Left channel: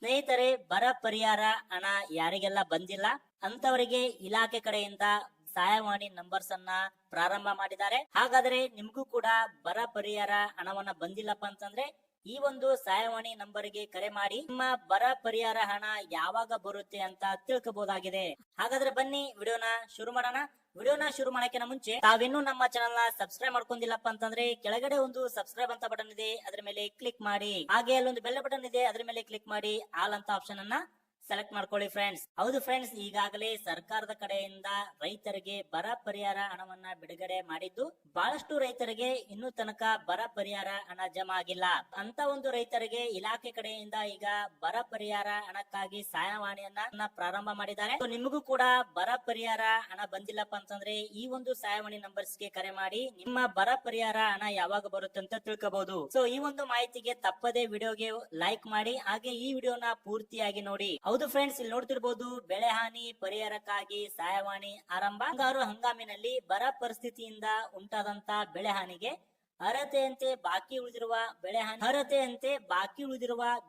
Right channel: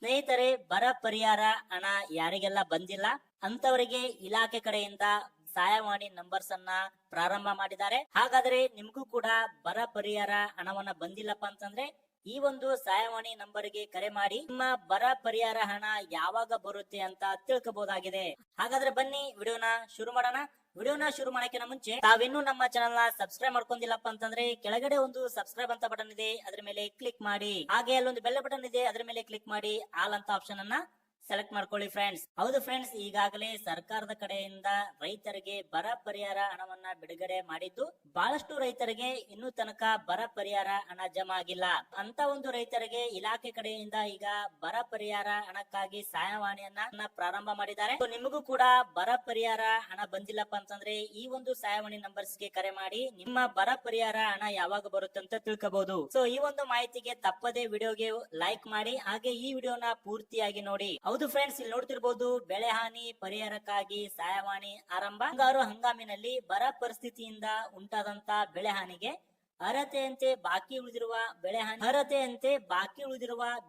ಸ್ನೇಹಿತರೆ, ಬರ ಪರಿಹಾರ ಹಣ ಯಾರಿಗೆಲ್ಲ ಬಂದಿಲ್ಲ ಅಂತವರಿಗೆ ಇಲಾಖೆ ಕಡೆಯಿಂದ ಸಹಾಯವಾಣಿ ನಂಬರ್ಸ್ ಅನ್ನ ಪ್ರಾರಂಭ ಮಾಡಿದ್ದಾರೆ. ಹಾಗಾದ್ರೆ ನಿಮ್ಗೂ ಕೂಡ ಬರ ಪರಿಹಾರ ಹಣವನ್ನ ಬಂದಿಲ್ಲಪ್ಪ ಅಂತಂದ್ರೆ ಈ ಒಂದು ಸಹಾಯವಾಣಿ ನಂಬರ್ಗೆ ಕರೆ ಮಾಡಿ ನಿಮ್ಮ ಬರ ಪರಿಹಾರ ಹಣ ಯಾವಾಗ ಬರುತ್ತೆ ಅಂತ ತಿಳ್ಕೋಬಹುದಾಗಿದೆ. ಹಾಗಾದ್ರೆ ಬನ್ನಿ ವಿಡಿಯೋನ ಶುರು ಮಾಡೋಣ. ವಿಡಿಯೋನ ಶುರು ಮಾಡಕ್ಕಿಂತ ಮುಂಚೆ ತಾವಿನ್ನೂ ನಮ್ಮ ಚಾನೆಲ್ ನ ಸಬ್ಸ್ಕ್ರೈಬ್ ಮಾಡ್ಕೊಂಡಿಲ್ಲಪ್ಪ ಅಂತಂದ್ರೆ ಕೆಳಗಡೆ ಒಂದು ಸಬ್ಸ್ಕ್ರೈಬ್ ಅಂತ ಬಟನ್ ಇದೆ, ಅದ್ರ ಮೇಲೆ ಕ್ಲಿಕ್ ಮಾಡಿ. ಹಾಗೆ ಅಲ್ಲೊಂದು ಬೆಲ್ ಬಟನ್ ಇದೆ, ಅದ್ರ ಮೇಲೆ ಕ್ಲಿಕ್ ಮಾಡಿ ಆಲ್ ಅಂತ ಆಪ್ಷನ್ ಅನ್ನ ಸೆಲೆಕ್ಟ್ ಮಾಡ್ಕೊಳ್ಳಿ ಫ್ರೆಂಡ್ಸ್. ಹೌದು ಫ್ರೆಂಡ್ಸ್, ಈಗಾಗಲೇ ಸರ್ಕಾರದ ಕಡೆಯಿಂದ ರೈತರಿಗೆ ಬರ ಪರಿಹಾರ ಹಣವನ್ನ ಬಿಡುಗಡೆ ಮಾಡಿದ್ದು ಬಹಳಷ್ಟು ರೈತರಿಗೆ ಇನ್ನೂ ತನಕ ಬರ ಪರಿಹಾರ ಹಣ ಜಮಾ ಆಗಿಲ್ಲ. ಅಂತ ಒಂದು ರೈತರಿಗೆ ಇಲಾಖೆ ಕಡೆಯಿಂದ ಈಗ ಬರ ಪರಿಹಾರ ಹಣಕ್ಕಾಗಿ ಸಹಾಯವಾಣಿಯನ್ನ ಪ್ರಾರಂಭ ಮಾಡಿದ್ದಾರೆ. ನಿಮಗೂ ಕೂಡ ಬರ ಪರಿಹಾರ ಹಣ ಬಂದಿಲ್ಲಪ್ಪ ಅಂತಂದ್ರೆ ಈ ಒಂದು ಸಹಾಯವಾಣಿ ನಂಬರ್ಸ್ ಗೆ ಕರೆ ಮಾಡಿ ನಿಮ್ಮ ಬರ ಪರಿಹಾರ ಹಣ ಯಾವಾಗ ಬರುತ್ತೆ ಅಂತ ತಿಳ್ಕೋಬಹುದು. ಸೊ ಈ ಒಂದು ಮಾಹಿತಿಗೆ ತಪ್ಪದೇ ವಿಡಿಯೋಗೆ ಲೈಕ್ ಮಾಡಿ, ಹಾಗೆ ಈ ವಿಡಿಯೋನ ಪೂರ್ತಿಯಾಗಿ ನೋಡಿ. ಹೌದು ಫ್ರೆಂಡ್ಸ್, ಇಲ್ಲಿ ನೋಡ್ತಿರ್ಬೋದು, ಬೆಳೆ ಹಾನಿ ಪರಿಹಾರಕ್ಕಾಗಿ ಸಹಾಯವಾಣಿ ಆರಂಭ. ಮುಂಗಾರು ಹಂಗಾಮಿನಲ್ಲಿ ಬರ ಪರಿಸ್ಥಿತಿಯಿಂದ ಉಂಟಾದಂತ ಬೆಳೆ ಹಾನಿಗೆ ಅರ್ಹತೆಯಂತೆ ಬಾಕಿ ಉಳಿದಿರುವ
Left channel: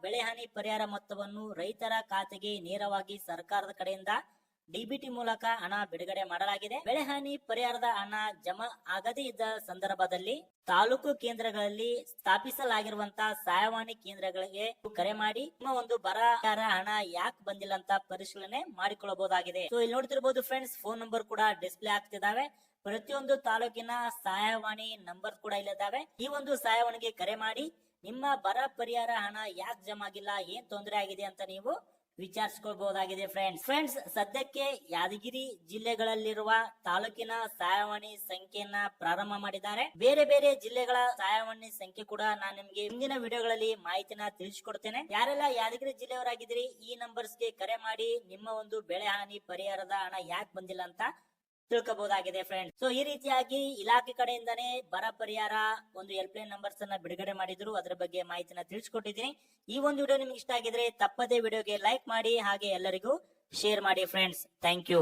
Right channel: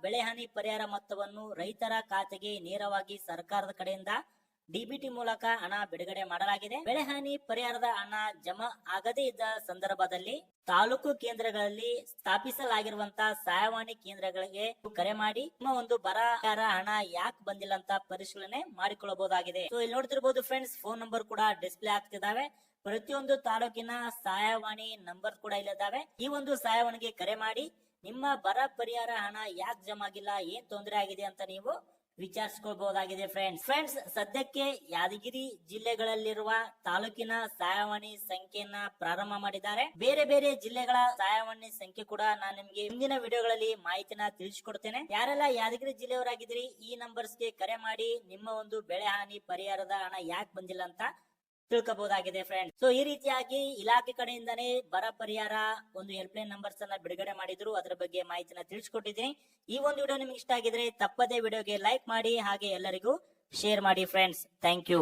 ಬೆಳೆ ಹಾನಿ ಪರಿಹಾರ ಮೊತ್ತವನ್ನು ರೈತರ ಖಾತೆಗೆ ನೇರವಾಗಿ ಸರ್ಕಾರದ ಕಡೆಯಿಂದ ಡಿಬಿಟಿ ಮೂಲಕ ಹಣ ಬಿಡುಗಡೆ ಮಾಡಲಾಗಿದೆ. ಬೆಳೆ ಹಾನಿ ಪರಿಹಾರದ ಹಣ ಜಮಾ ಆಗದೇ ಇದ್ದ ಸಂದರ್ಭದಲ್ಲಿ ತಾಲೂಕು ಕೇಂದ್ರಗಳಲ್ಲಿ ಸ್ಥಾಪಿಸಲಾಗಿರುವಂತಹ ಸಹಾಯವಾಣಿ ಕೇಂದ್ರಗಳಿಗೆ ಕರೆ ಮಾಡಿ ನಿಮ್ಮ ಒಂದು ಬರ ಹಣ ಯಾಕೆ ಬಂದಿಲ್ಲ ಅಂತ ಪರಿಶೀಲನೆ ಮಾಡಿಕೊಳ್ಳಬಹುದಾಗಿದೆ. ಸೊ ಇಲ್ಲಿ ನೋಡ್ತಿರ್ಬೋದು ಫ್ರೆಂಡ್ಸ್, ಫೋನ್ ನಂಬರ್ ಕೂಡ ಡಿಸ್ಪ್ಲೇ ಆಗ್ತಿದಾವೆ. ಪ್ರತಿಯೊಂದು ತಾಲೂಕಿನ ಸಹಾಯವಾಣಿ ನಂಬರ್ ಕೂಡ ಇಲ್ಲಿದ್ದಾವೆ. ಈ ಒಂದು ಸಹಾಯವಾಣಿಗೆ ಕರೆ ಮಾಡಿ ನಿಮ್ಮ ಬರ ಪರಿಹಾರ ಹಣ ಯಾಕೆ ಜಮಾ ಆಗಿಲ್ಲ, ಏನ್ ತೊಂದರೆ ಆಗಿದೆ ಅಂತ ನೀವು ವಿಚಾರಿಸಿಕೊಳ್ಳಬಹುದಾಗಿದೆ ಫ್ರೆಂಡ್ಸ್. ಸದ್ಯಕ್ಕೆ ಯಾದಗಿರಿ ಜಿಲ್ಲೆಗಳಲ್ಲಿರುವ ತಾಲೂಕಿನ ಸಹಾಯವಾಣಿ ಸಂಖ್ಯೆಯನ್ನ ಪ್ರಾರಂಭ ಮಾಡಿದ್ದಾರೆ. ಬೇರೆ ಬೇರೆ ಜಿಲ್ಲೆಗಳ ಸಹಾಯವಾಣಿ ಸಂಖ್ಯೆ ಕೂಡ ನಾನು ನಿಮ್ಗೆ ಮುಂದಿನ ವಿಡಿಯೋಗಳಲ್ಲಿ ಮಾಹಿತಿನ ತಿಳಿಸಿಕೊಡ್ತೇನೆ. ಯಾರೆಲ್ಲ ಯಾದಗಿರಿ ಜಿಲ್ಲೆಯವರಾಗಿದ್ರಿ ಈ ನಂಬರ್ಸ್ ಗೆ ಕರೆ ಮಾಡಿ ನಿಮ್ಮ ಒಂದು ಬೆಳೆ ಹಾನಿ ಪರಿಹಾರದ ಹಣ ಯಾಕೆ ಬಂದಿಲ್ಲ ಅಂತ ತಿಳ್ಕೋಬಹುದಾಗಿದೆ ಫ್ರೆಂಡ್ಸ್. ಸೊ ಈ ರೀತಿಯಾಗಿ ಇಲಾಖೆ ಕಡೆಯಿಂದಾನೇ ಬರ ಪರಿಹಾರ ಒಂದು ಹೆಲ್ಪ್ಲೈನ್ ನಂಬರ್ಸ್ ಅನ್ನ ಬಿಡುಗಡೆ ಮಾಡಿದ್ರು, ಅದ್ರ ಬಗ್ಗೆ ಮಾಹಿತಿನ ತಿಳಿಸ್ಕೊಟ್ಟಿದ್ದೀನಿ. ಈ ಒಂದು ವಿಡಿಯೋ ನಿಮ್ಗೆ ಇಷ್ಟ ಆಗಿದ್ರೆ ತಪ್ಪದೇ ವಿಡಿಯೋಗೆ ಲೈಕ್ ಮಾಡಿ, ಹಾಗೆ ಎಲ್ಲರಿಗೂ ಶೇರ್ ಮಾಡಿ ಫ್ರೆಂಡ್ಸ್. Thank you.